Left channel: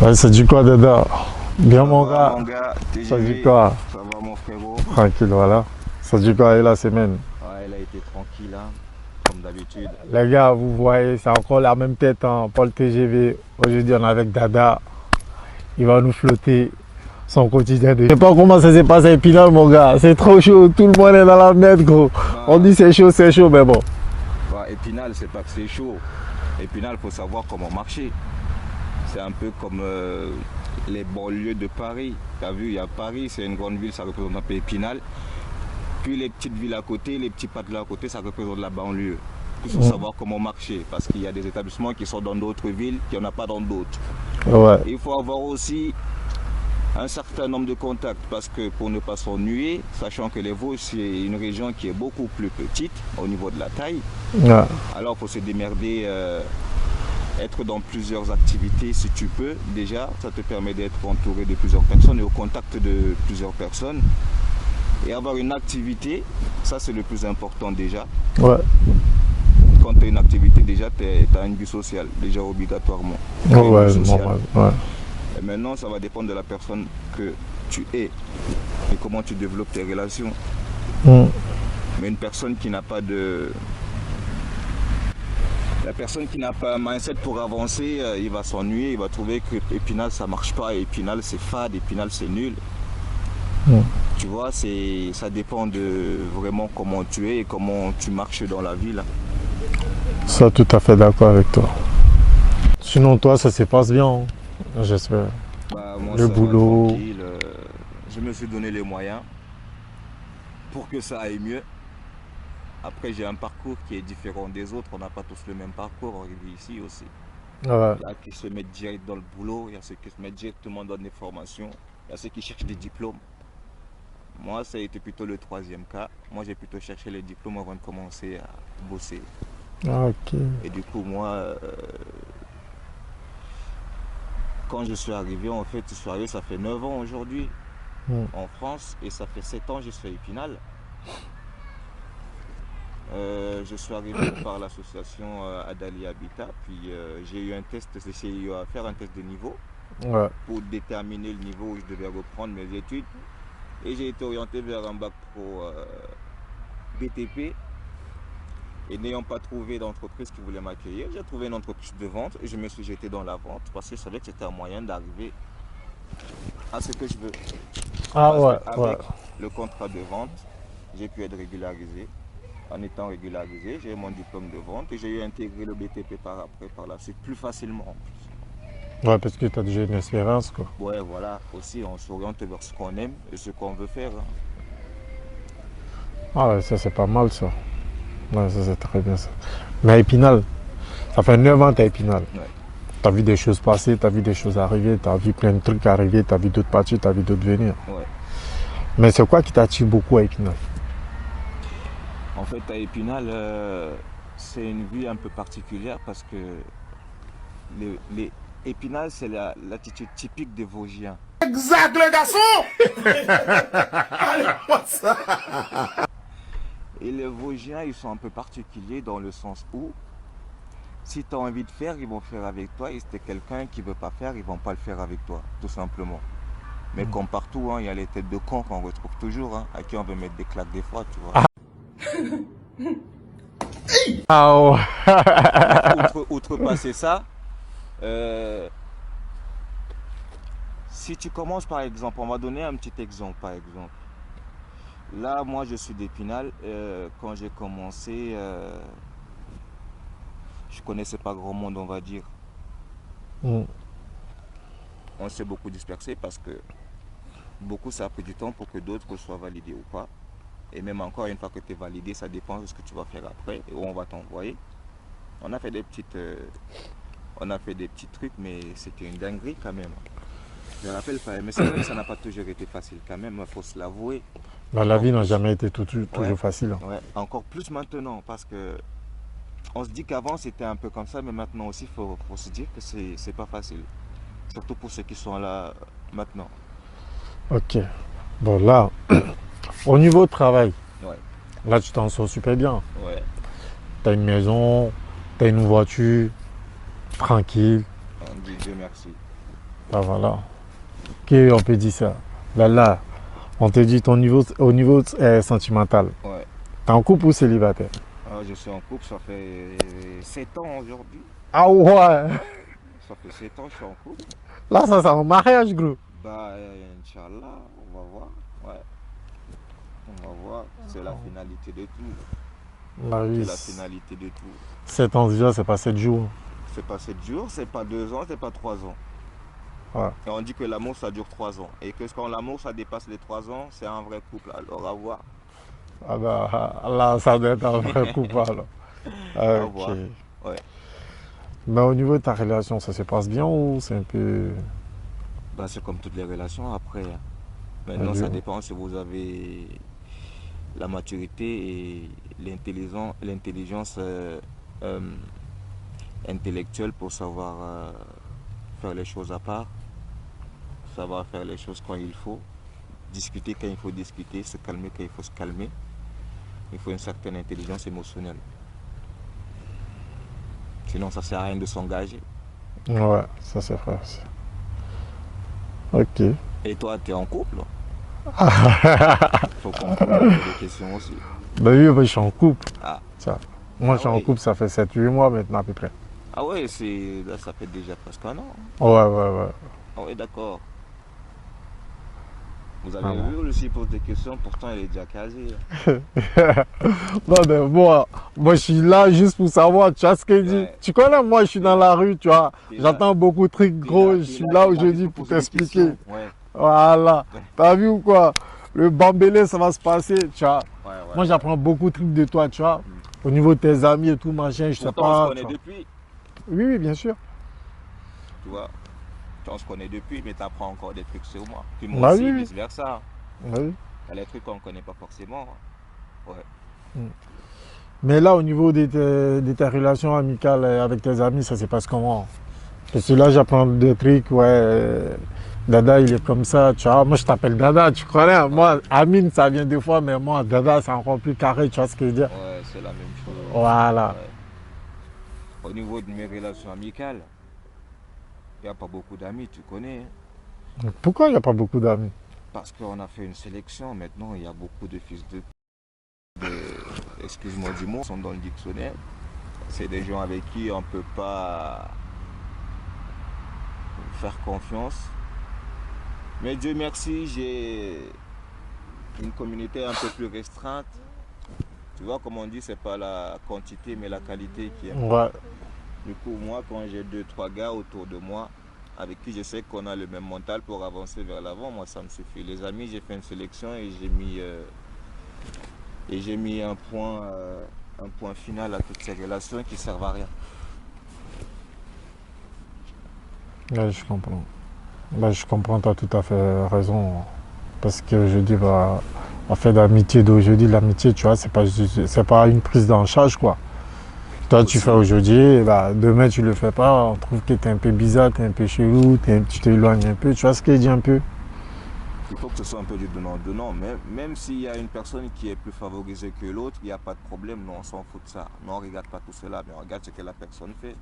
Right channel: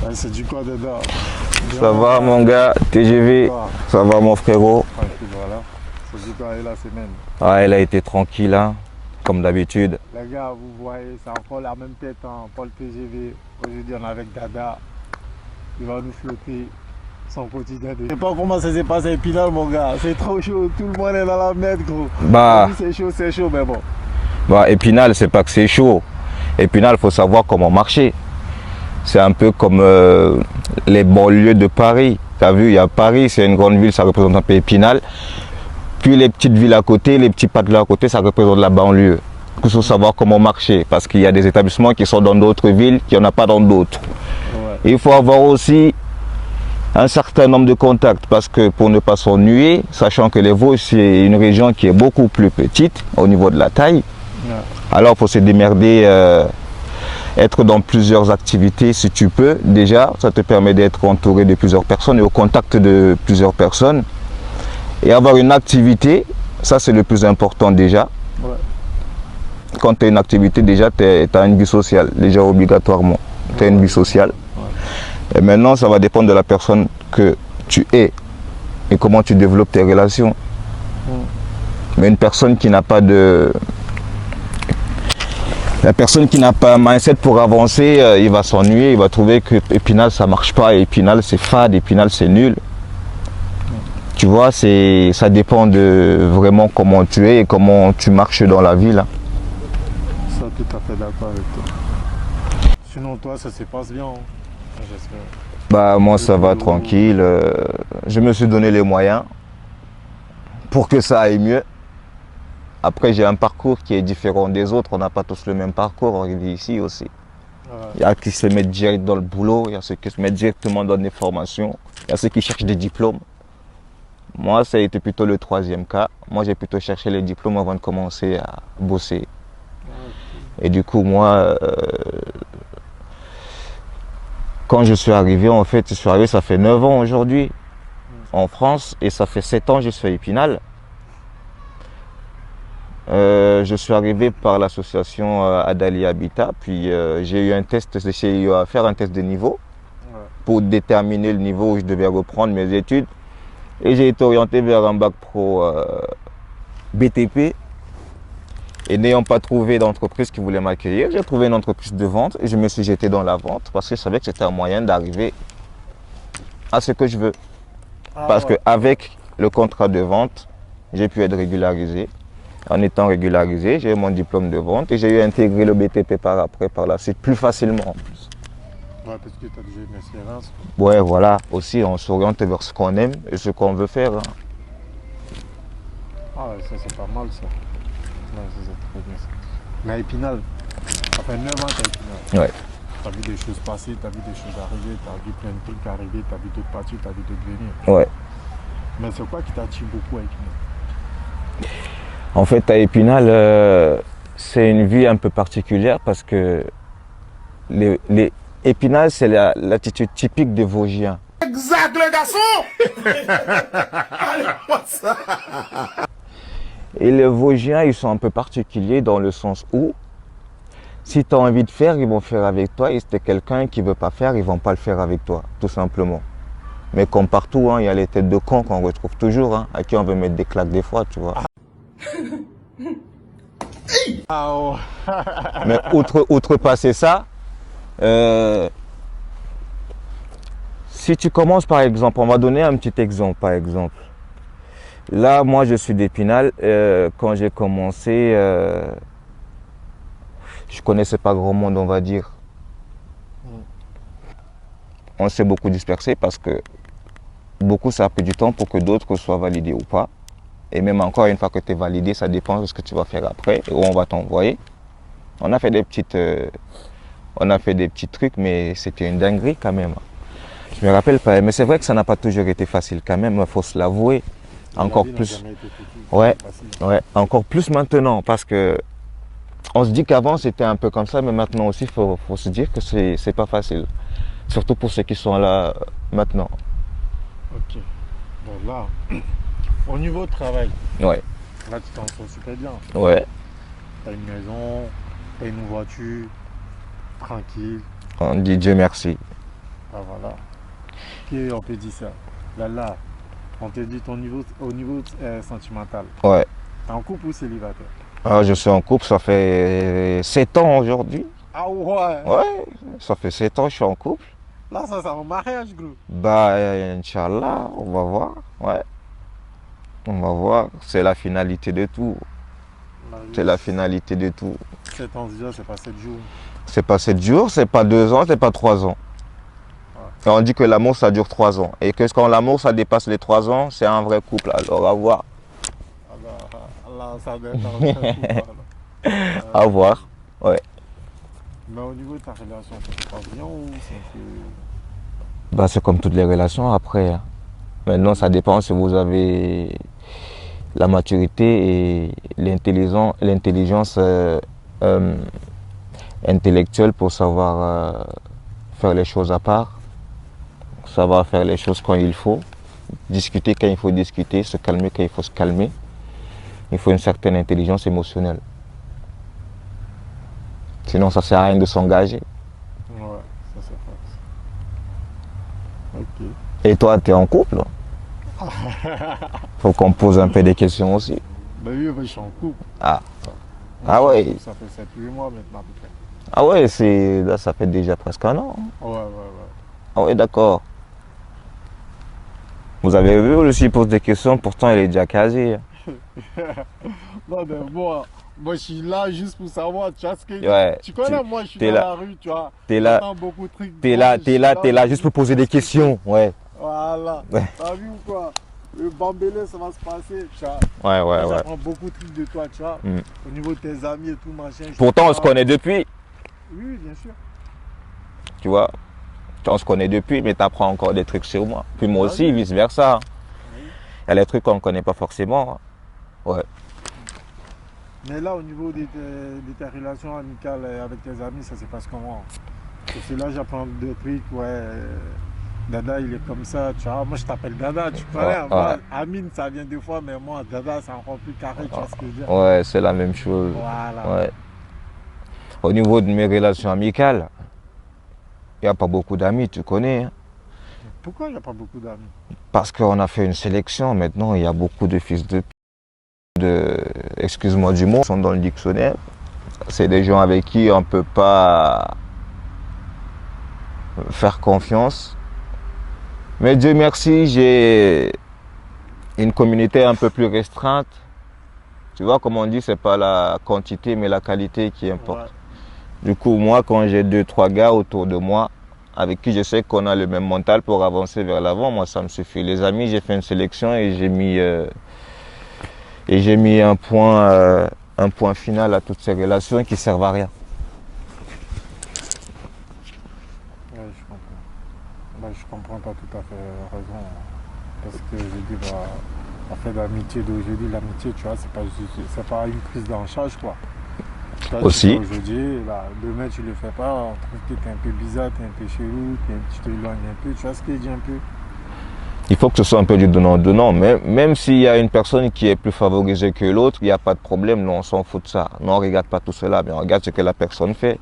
Ouais, c'est du quoi, Dada? Bien, Ça mon va gars. mon gars, TGV, Quoi? ça va mon frérot. Tranquille, voilà. Ça du quoi, et la semaine? Ah, elle a été tranquille, hein, comme d'habitude. Les gars, vous voyez, c'est encore la même tête, hein, Paul TGV. Aujourd'hui, on est avec Dada. Il va nous flotter son quotidien. Je sais pas comment ça s'est passé à Épinal, mon gars. C'est trop chaud, tout le monde est dans la merde, gros. On Bah, dit c'est chaud, mais bon. Épinal, c'est pas que c'est chaud. Épinal, il faut savoir comment marcher. C'est un peu comme les banlieues de Paris. Tu as vu, il y a Paris, c'est une grande ville, ça représente un peu Épinal. Puis les petites villes à côté, les petits patelins à côté, ça représente la banlieue. Il faut savoir comment marcher parce qu'il y a des établissements qui sont dans d'autres villes, qu'il n'y en a pas dans d'autres. Ouais. Il faut avoir aussi un certain nombre de contacts parce que pour ne pas s'ennuyer, sachant que les Vosges, c'est une région qui est beaucoup plus petite au niveau de la taille, Ouais. alors il faut se démerder, être dans plusieurs activités si tu peux. Déjà, ça te permet d'être entouré de plusieurs personnes et au contact de plusieurs personnes. Et avoir une activité, ça c'est le plus important déjà. Ouais. Quand tu as une activité, déjà tu as une vie sociale, déjà obligatoirement. Tu as une vie sociale. Ouais. Et maintenant, ça va dépendre de la personne que tu es et comment tu développes tes relations. Mais une personne qui n'a pas de... La personne qui n'a pas un mindset pour avancer, il va s'ennuyer, il va trouver que Épinal ça marche pas, Épinal c'est fade, Épinal c'est nul. Tu vois, ça dépend de vraiment comment tu es et comment tu marches dans la vie là. Ça, tout à fait d'accord avec toi. Sinon, toi, ça se passe bien, hein, j'espère. Bah moi Le ça va boulot. tranquille, je me suis donné les moyens pour que ça aille mieux. Après j'ai un parcours qui est différent des autres, on n'a pas tous le même parcours, on vit ici aussi. Ouais. Il y a qui se mettent direct dans le boulot, il y a ceux qui se mettent directement dans des formations, il y a ceux qui cherchent des diplômes. Moi ça a été plutôt le troisième cas, moi j'ai plutôt cherché les diplômes avant de commencer à bosser. Ok. Et du coup moi, quand je suis arrivé, en fait, je suis arrivé, ça fait 9 ans aujourd'hui en France et ça fait 7 ans que je suis à Épinal. Je suis arrivé par l'association Adali Habitat, puis j'ai eu un test de CIO à faire, un test de niveau Ouais. pour déterminer le niveau où je devais reprendre mes études. Et j'ai été orienté vers un bac pro BTP. Et n'ayant pas trouvé d'entreprise qui voulait m'accueillir, j'ai trouvé une entreprise de vente et je me suis jeté dans la vente parce que je savais que c'était un moyen d'arriver à ce que je veux. Ah, Parce ouais, qu'avec le contrat de vente, j'ai pu être régularisé. En étant régularisé, j'ai eu mon diplôme de vente et j'ai eu intégré le BTP par après, par la suite, plus facilement en plus. ouais, parce que tu as déjà une expérience, quoi. Ouais, voilà, aussi on s'oriente vers ce qu'on aime et ce qu'on veut faire. Hein. Ah ouais, ça c'est pas mal ça. Ouais, ça c'est très bien ça. Mais à Épinal, ça fait 9 ans que t'es à Épinal. Ouais. T'as vu des choses passer, t'as vu des choses arriver, t'as vu plein de trucs arriver, t'as vu d'autres partir, t'as vu d'autres venir. Ouais. Mais c'est quoi qui t'attire beaucoup à Épinal? En fait, à Épinal, c'est une vie un peu particulière parce que Épinal, c'est l'attitude typique des Vosgiens. Exact, le garçon. Allez, moi ça. Et les Vosgiens, ils sont un peu particuliers dans le sens où, si tu as envie de faire, ils vont faire avec toi. Et si tu es quelqu'un qui ne veut pas faire, ils ne vont pas le faire avec toi, tout simplement. Mais comme partout, hein, il y a les têtes de cons qu'on retrouve toujours, hein, à qui on veut mettre des claques des fois, tu vois. Ah ouais. Mais outrepasser ça, si tu commences par exemple, on va donner un petit exemple par exemple. Là, moi je suis d'Épinal, quand j'ai commencé, je connaissais pas grand monde on va dire. On s'est beaucoup dispersé parce que beaucoup ça a pris du temps pour que d'autres soient validés ou pas. Et même encore une fois que tu es validé, ça dépend de ce que tu vas faire après et où on va t'envoyer. On a fait des petites, petits trucs, mais c'était une dinguerie quand même. Je me rappelle pas, mais c'est vrai que ça n'a pas toujours été facile quand même, il faut se l'avouer. Dans la vie n'a jamais été tout facile. Ouais, encore plus maintenant parce que on se dit qu'avant c'était un peu comme ça, mais maintenant aussi il faut se dire que c'est pas facile. Surtout pour ceux qui sont là maintenant. Ok. Bon là, au niveau de travail, Ouais. là tu t'en sors super bien. Ouais. Tu as une maison, tu as une voiture, tranquille. On dit Dieu merci. Ah, voilà. Ok, on peut dire ça. Là, on te dit au niveau sentimental. Ouais. T'es en couple ou célibataire? Ah, je suis en couple, ça fait 7 ans aujourd'hui. Ah ouais. Ouais, ça fait 7 ans que je suis en couple. Là, ça c'est un mariage, gros. Bah, Inch'Allah, on va voir. Ouais, on va voir. C'est la finalité de tout. Bah oui, C'est la finalité de tout. 7 ans déjà, c'est pas 7 jours. C'est pas 7 jours, c'est pas 2 ans, c'est pas 3 ans. Ouais. Et on dit que l'amour, ça dure 3 ans. Et que quand l'amour, ça dépasse les 3 ans, c'est un vrai couple. Alors, à voir. Ah bah, là, ça doit être un vrai couple, alors. À Ok. voir. Ouais. Mais au niveau de ta relation, ça se passe bien ou c'est un peu... Bah, c'est comme toutes les relations après, hein. Maintenant, ça dépend si vous avez la maturité et l'intelligence intellectuelle pour savoir faire les choses à part, savoir faire les choses quand il faut, discuter quand il faut discuter, se calmer quand il faut se calmer. Il faut une certaine intelligence émotionnelle. Sinon, ça ne sert à rien de s'engager. Ouais, ça c'est vrai. Ok. Et toi, tu es en couple? Faut qu'on pose un peu des questions aussi. Bah oui, bah, je suis en couple. Ah, Ça. Moi, Ah je suis ouais. en couple, ça fait 7-8 mois maintenant à peu près. ah ouais, là, ça fait déjà presque un an. Ouais, ouais, Ah ouais, d'accord. Vous avez vu, aussi, il pose des questions, pourtant il est déjà casé. ouais. Non, mais moi, je suis là juste pour savoir, tu vois ce que je Ouais. dis. Tu connais, moi, je suis T'es dans là. la rue, tu vois. T'es là. J'entends beaucoup de trucs. T'es gros, là, je t'es suis là, t'es là juste obligé pour poser de des t'expliquer. questions. Ouais, Voilà. Ouais. T'as vu ou quoi? Le bambélé, ça va se passer, tu vois. ouais, Moi, ouais. j'apprends beaucoup de trucs de toi, tu vois. Mm. Au niveau de tes amis et tout, machin. je te Pourtant, on se parle. connaît depuis, Oui, oui, bien sûr. tu vois. On se connaît depuis, mais tu apprends encore des trucs sur moi. Puis moi Bah aussi, oui. vice-versa. Bah oui. Il y a des trucs qu'on ne connaît pas forcément. Ouais. Mais là, au niveau de tes relations amicales avec tes amis, ça se passe comment? Parce que là, j'apprends des trucs, ouais. Dada, il est comme ça, tu vois. Moi, je t'appelle Dada, tu connais. Ouais, Moi, ouais. Amine, ça vient des fois, mais moi, Dada, c'est encore plus carré, tu vois ce que je veux dire? Ouais, c'est la même chose. Voilà. Ouais. Au niveau de mes relations amicales, il n'y a pas beaucoup d'amis, tu connais, hein. Pourquoi il n'y a pas beaucoup d'amis? Parce qu'on a fait une sélection. Maintenant, il y a beaucoup de fils excuse-moi du mot, sont dans le dictionnaire. C'est des gens avec qui on ne peut pas faire confiance. Mais Dieu merci, j'ai une communauté un peu plus restreinte. Tu vois, comme on dit, c'est pas la quantité, mais la qualité qui importe. Ouais. Du coup, moi, quand j'ai 2, 3 gars autour de moi, avec qui je sais qu'on a le même mental pour avancer vers l'avant, moi, ça me suffit. Les amis, j'ai fait une sélection et j'ai mis un point final à toutes ces relations qui servent à rien. Ouais, je comprends. Bah, je comprends, tu as tout à fait raison. Parce que je dis, bah, en fait, l'amitié d'aujourd'hui, l'amitié, tu vois, c'est pas une prise en charge, quoi. Toi, tu Aussi. fais aujourd'hui, et bah, demain, tu le fais pas. On trouve que tu es un peu bizarre, tu es un peu chelou, tu t'éloignes un peu. Tu vois ce que je dis un peu? Il faut que ce soit un peu du donnant-donnant. Même s'il y a une personne qui est plus favorisée que l'autre, il n'y a pas de problème. Nous, on s'en fout de ça. Nous, on ne regarde pas tout cela, mais on regarde ce que la personne fait.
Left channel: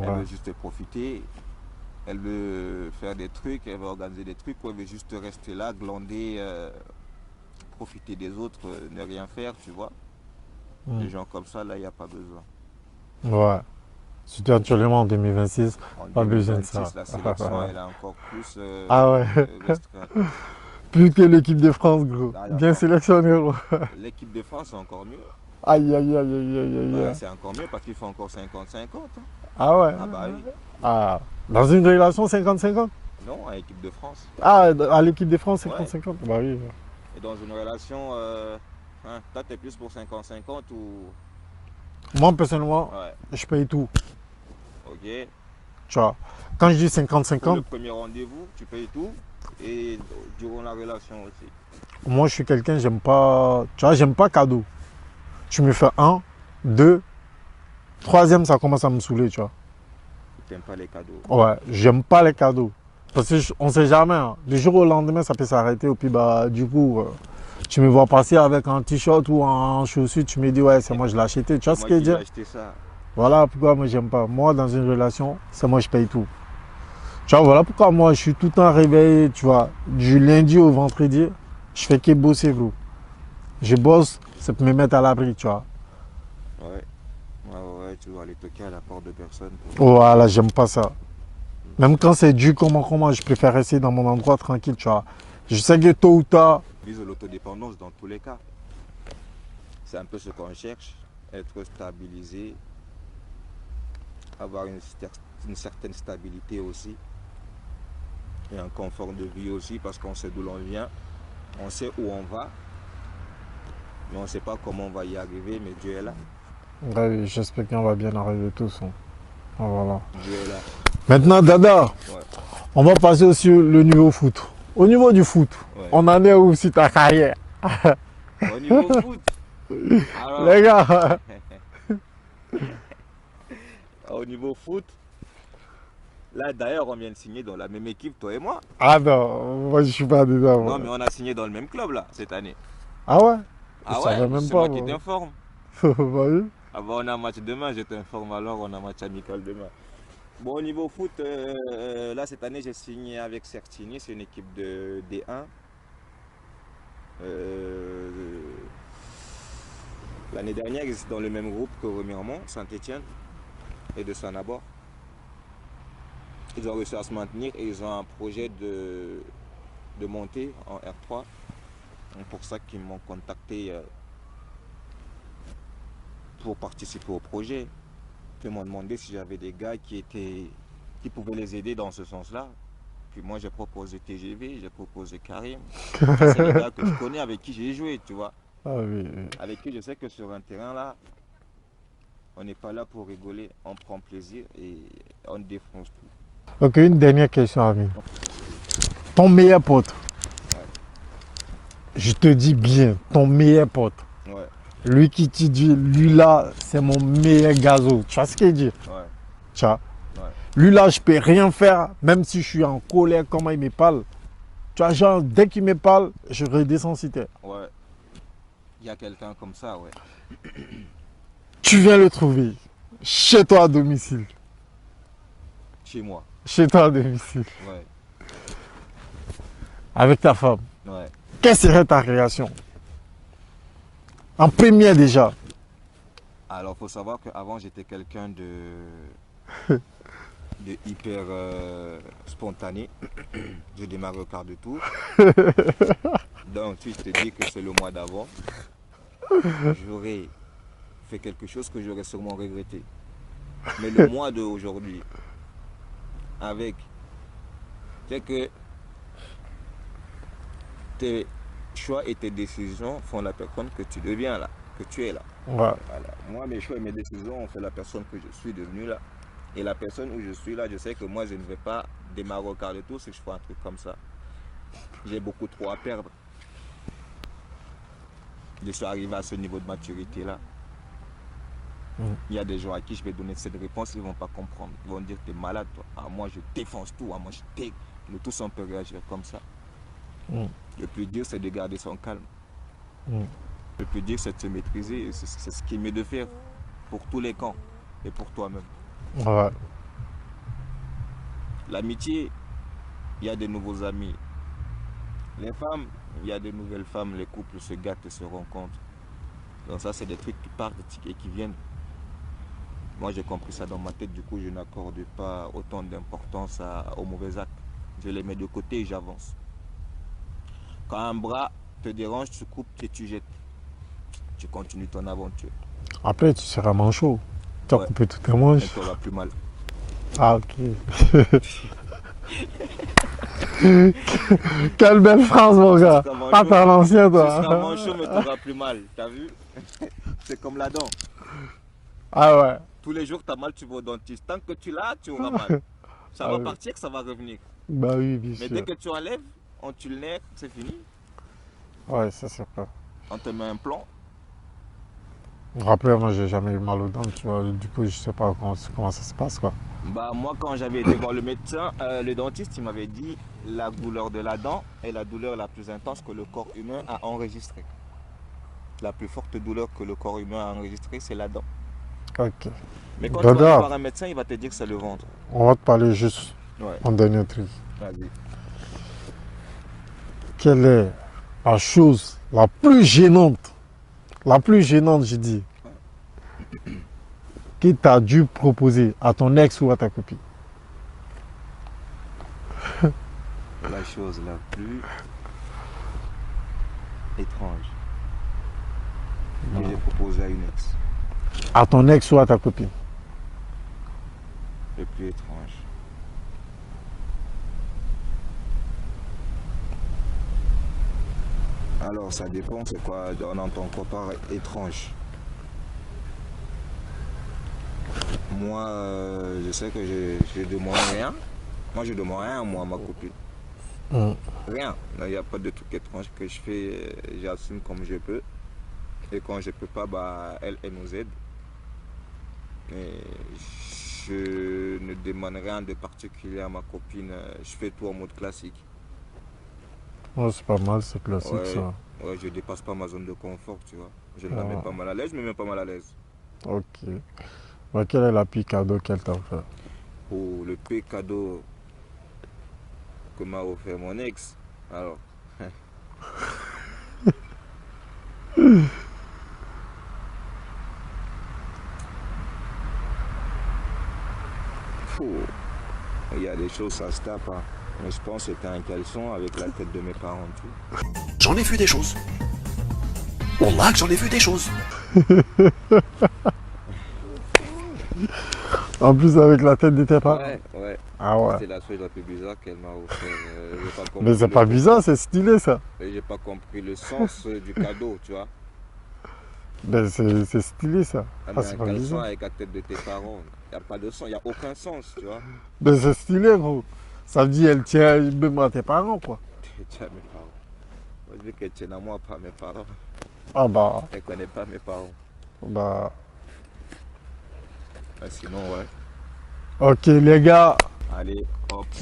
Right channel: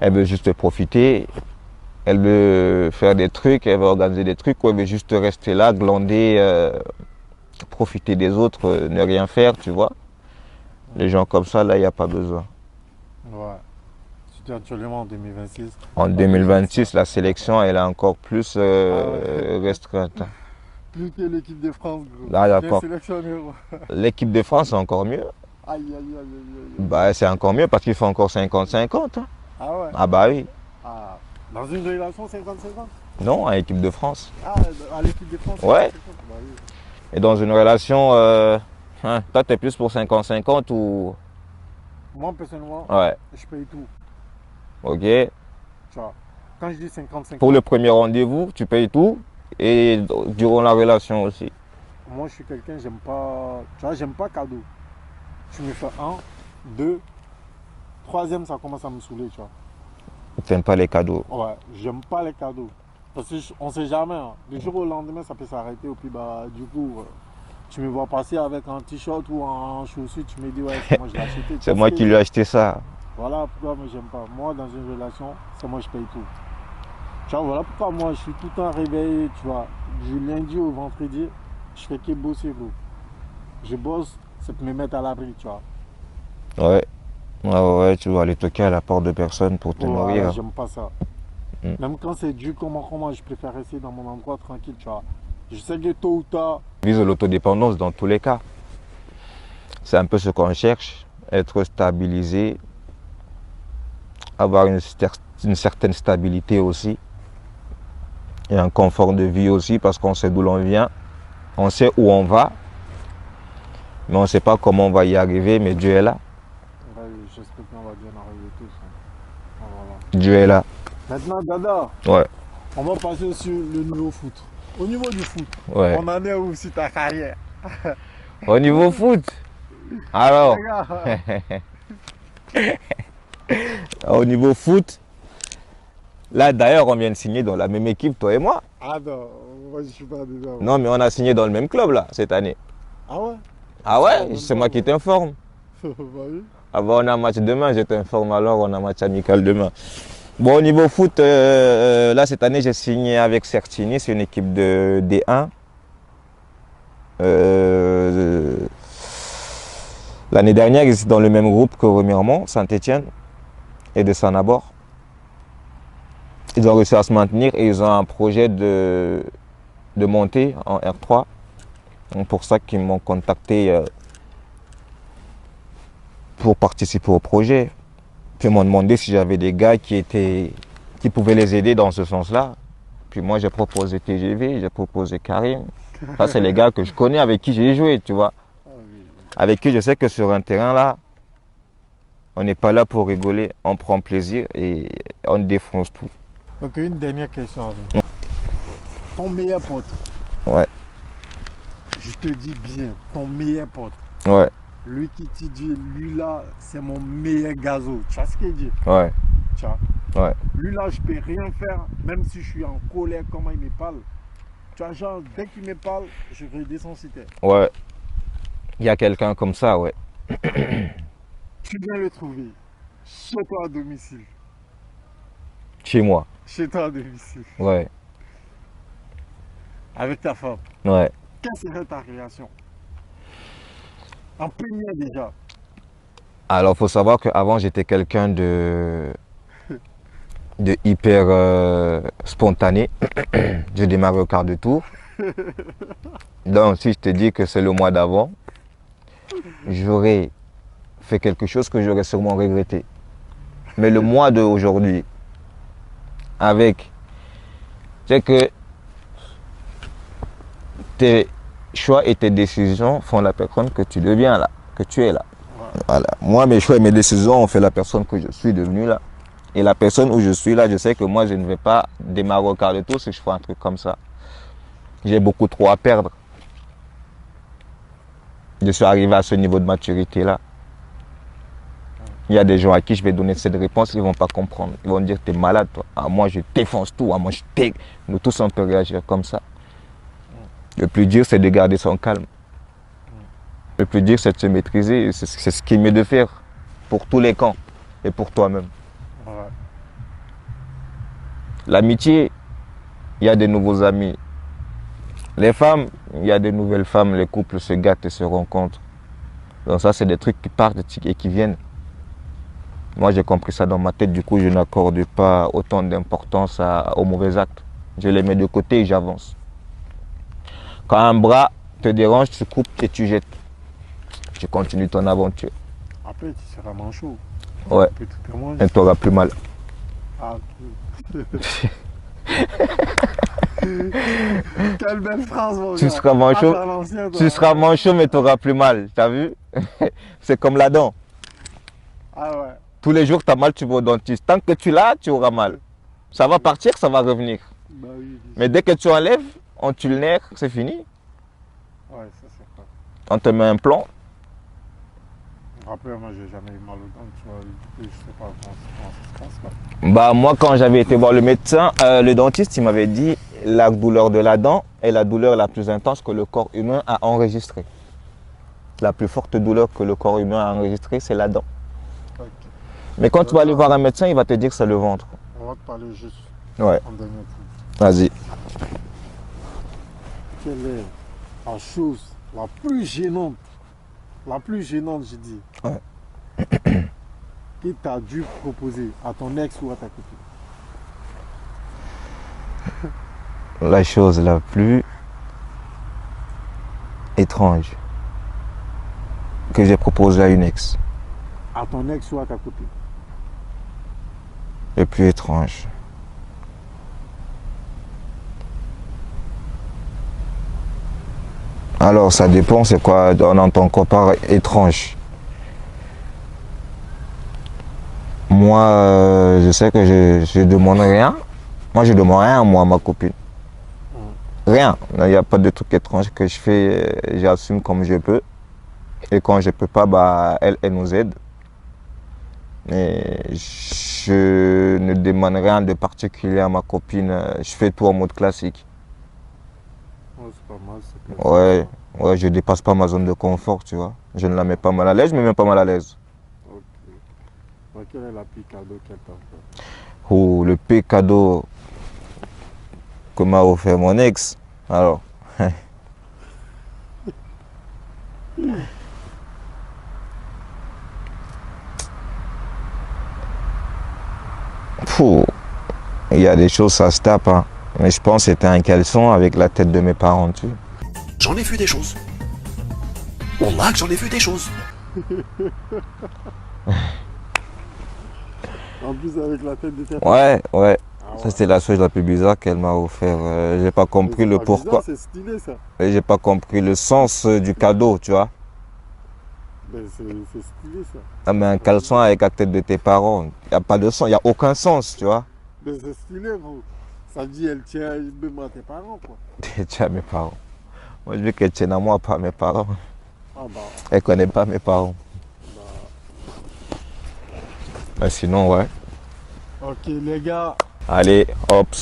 Elle veut juste profiter. Elle veut faire des trucs, elle veut organiser des trucs, ou elle veut juste rester là, glander, profiter des autres, ne rien faire, tu vois. Les gens comme ça, là, il n'y a pas besoin. Ouais. Surtout actuellement en 2026. En Pas besoin de 2026, ça. la sélection, elle est encore plus Ah ouais. restreinte. Plus que l'équipe de France, gros. Ah, Bien d'accord. sélectionné, gros. L'équipe de France, c'est encore mieux. Aïe, aïe, aïe, aïe, aïe. Bah, c'est encore mieux parce qu'il faut encore 50-50. Hein. Ah ouais. Ah bah oui. Ah. Dans une relation 50-50? Non, à l'équipe de France. Ah, à l'équipe de France 50-50? Ouais. Bah oui. Et dans une relation, toi, tu es plus pour 50-50 ou... Moi, personnellement, Ouais, je paye tout. ok. Tu vois. Quand je dis 50-50, Pour le premier rendez-vous, tu payes tout et durant la relation aussi. moi, je suis quelqu'un, j'aime pas. Tu vois, j'aime pas cadeau. Tu me fais 1, 2, troisième, ça commence à me saouler, tu vois. Tu n'aimes pas les cadeaux. Ouais, j'aime pas les cadeaux. Parce qu'on sait jamais. Hein. Du jour au lendemain, ça peut s'arrêter. Et puis, bah, du coup, tu me vois passer avec un t-shirt ou en chaussures, tu me dis, ouais, c'est moi, je l'ai acheté. Tu C'est vois moi ce que qui je lui ai dis? acheté ça. Voilà pourquoi moi, j'aime pas. Moi, dans une relation, c'est moi, je paye tout. Tu vois, voilà pourquoi moi, je suis tout le temps réveillé, tu vois, du lundi au vendredi, je fais que bosser, gros. Je bosse, ça peut me mettre à l'abri, tu vois. Ouais. Ouais, tu vas aller toquer à la porte de personne pour te Voilà, nourrir. j'aime pas ça. Mm. Même quand c'est dur, comment, je préfère rester dans mon endroit tranquille, tu vois. Je sais que tôt ou tard, Vise l'autodépendance dans tous les cas. C'est un peu ce qu'on cherche, être stabilisé, avoir une certaine stabilité aussi, et un confort de vie aussi, parce qu'on sait d'où l'on vient, on sait où on va, mais on ne sait pas comment on va y arriver, mais Dieu est là. ouais, j'espère qu'on va bien arriver tous, hein. Voilà. Dieu est là. Maintenant, Dada, Ouais, on va passer aussi le niveau foot. Au niveau du foot, ouais. on en est où si ta carrière? Au niveau foot, alors, Les gars, au niveau foot, là d'ailleurs, on vient de signer dans la même équipe, toi et moi. ah non, moi je suis pas dedans. Non, mais on a signé dans le même club là, cette année. Ah ouais? Ah Je ouais, savais même c'est pas, moi qui moi. t'informe. Bah oui. Ah bah, on a un match demain, je t'informe alors, on a un match amical demain. Bon, au niveau foot, là cette année j'ai signé avec Certini, c'est une équipe de D1. Euh, L'année dernière, ils étaient dans le même groupe que Remiremont, Saint-Étienne et de Sanabord. Ils ont réussi à se maintenir et ils ont un projet de monter en R3. Donc pour ça qu'ils m'ont contacté pour participer au projet. Puis ils m'ont demandé si j'avais des gars qui pouvaient les aider dans ce sens-là. Puis moi j'ai proposé TGV, j'ai proposé Karim. Ça c'est les gars que je connais, avec qui j'ai joué, tu vois. Ah oui, oui. Avec qui je sais que sur un terrain là, on n'est pas là pour rigoler, on prend plaisir et on défonce tout. Ok, une dernière question, ami. Ton meilleur pote, Ouais, je te dis bien, ton meilleur pote, ouais, lui qui te dit, lui là, c'est mon meilleur gazo. Tu vois ce qu'il dit? ouais, Tu vois? ouais. Lui là, je peux rien faire, même si je suis en colère, comment il me parle. Tu vois, genre, dès qu'il me parle, je redescends si t'es. Ouais. Il y a quelqu'un comme ça, ouais. Tu viens le trouver chez toi à domicile. Chez moi. Chez toi à domicile. Ouais, Avec ta femme. ouais. Quelle serait ta réaction? En première déjà. Alors, il faut savoir qu'avant, j'étais quelqu'un de hyper spontané. Je démarrais au quart de tour. Donc, si je te dis que c'est le mois d'avant, j'aurais fait quelque chose que j'aurais sûrement regretté. Mais le mois d'aujourd'hui, avec, c'est que tes choix et tes décisions font la personne que tu deviens là, que tu es là. Ouais. Voilà. Moi, mes choix et mes décisions ont fait la personne que je suis devenu là. Et la personne où je suis là, je sais que moi, je ne vais pas démarrer au quart de tour si je fais un truc comme ça. J'ai beaucoup trop à perdre. Je suis arrivé à ce niveau de maturité là. Il y a des gens à qui je vais donner cette réponse, ils ne vont pas comprendre. Ils vont dire, t'es malade toi. Ah, moi, je défonce tout. Ah, moi, je t'ai. Nous tous, on peut réagir comme ça. Le plus dur, c'est de garder son calme. Le plus dur, c'est de se maîtriser. C'est ce qu'il est mieux de faire pour tous les camps et pour toi-même. Ouais. L'amitié, il y a des nouveaux amis. Les femmes, il y a des nouvelles femmes. Les couples se gâtent et se rencontrent. Donc ça, c'est des trucs qui partent et qui viennent. Moi, j'ai compris ça dans ma tête. Du coup, je n'accorde pas autant d'importance aux mauvais actes. Je les mets de côté et j'avance. Quand un bras te dérange, tu coupes et tu jettes. Tu continues ton aventure. Après, tu seras manchot. Tu as Ouais. coupé tout tes manches. Et tu n'auras plus mal. Ah, ok. Quelle belle phrase, mon Tu gars. seras manchot. Ah, t'es à l'ancien, toi. Tu seras manchot, mais tu n'auras plus mal. T'as vu? C'est comme la dent. Ah ouais. Tous les jours, tu as mal, tu vas au dentiste. Tant que tu l'as, tu auras mal. Ça va partir, ça va revenir. Bah oui, bien Mais sûr. dès que tu enlèves, on tue le nerf, c'est fini. Ouais, ça c'est vrai. On te met un plomb. Après, moi, j'ai jamais eu mal aux dents, tu vois. Du coup, je sais pas comment ça se passe, quoi. Bah, moi, quand j'avais été voir le médecin, le dentiste, il m'avait dit la douleur de la dent est la douleur la plus intense que le corps humain a enregistrée. La plus forte douleur que le corps humain a enregistrée, c'est la dent. Ok. Mais quand tu vas Dada. aller voir un médecin, il va te dire que c'est le ventre. On va te parler juste Ouais, Un dernier truc. vas-y. Quelle est la chose la plus gênante, j'ai dit, Ouais. que tu as dû proposer à ton ex ou à ta copine? La chose la plus étrange que j'ai proposée à une ex. À ton ex ou à ta copine? Le plus étrange. Alors, ça dépend, c'est quoi on entend quoi par étrange. Moi, je sais que je demande rien. Moi, je demande rien, moi, à ma copine. Mm. Rien. Il n'y a pas de truc étrange que je fais. J'assume comme je peux. Et quand je peux pas, bah, elle nous aide. Mais je ne demande rien de particulier à ma copine. Je fais tout en mode classique. Ouais, c'est pas mal, c'est classique Ouais, ça. ouais, je dépasse pas ma zone de confort, tu vois. Je ne la mets Ah. pas mal à l'aise, je me mets pas mal à l'aise. Ok. Bah, quel est la pire cadeau qu'elle t'a fait? Oh, le pire cadeau que m'a offert mon ex. Alors, fou, il y a des choses, ça se tape, hein. Mais je pense que c'était un caleçon avec la tête de mes parents dessus. J'en ai vu des choses. Wallah que j'en ai vu des choses. En plus, avec la tête de tes parents. Ouais, ouais. Ah Ça, ouais. c'est la chose la plus bizarre qu'elle m'a offert. J'ai pas Mais compris c'est le pas pourquoi. bizarre, c'est stylé ça. Et j'ai pas compris le sens du cadeau, tu vois. Ben, c'est stylé ça. Ah, mais c'est un pas caleçon bizarre. avec la tête de tes parents, il n'y a pas de sens, il n'y a aucun sens, tu vois. Ben, c'est stylé, gros. Ça veut dire elle tient même à tes parents, quoi. Tu as mes parents. Moi, je veux qu'elle tienne à moi, pas à mes parents. Ah bah, Elle connaît pas mes parents. bah. Mais sinon, ouais. Ok, les gars. Allez, hop.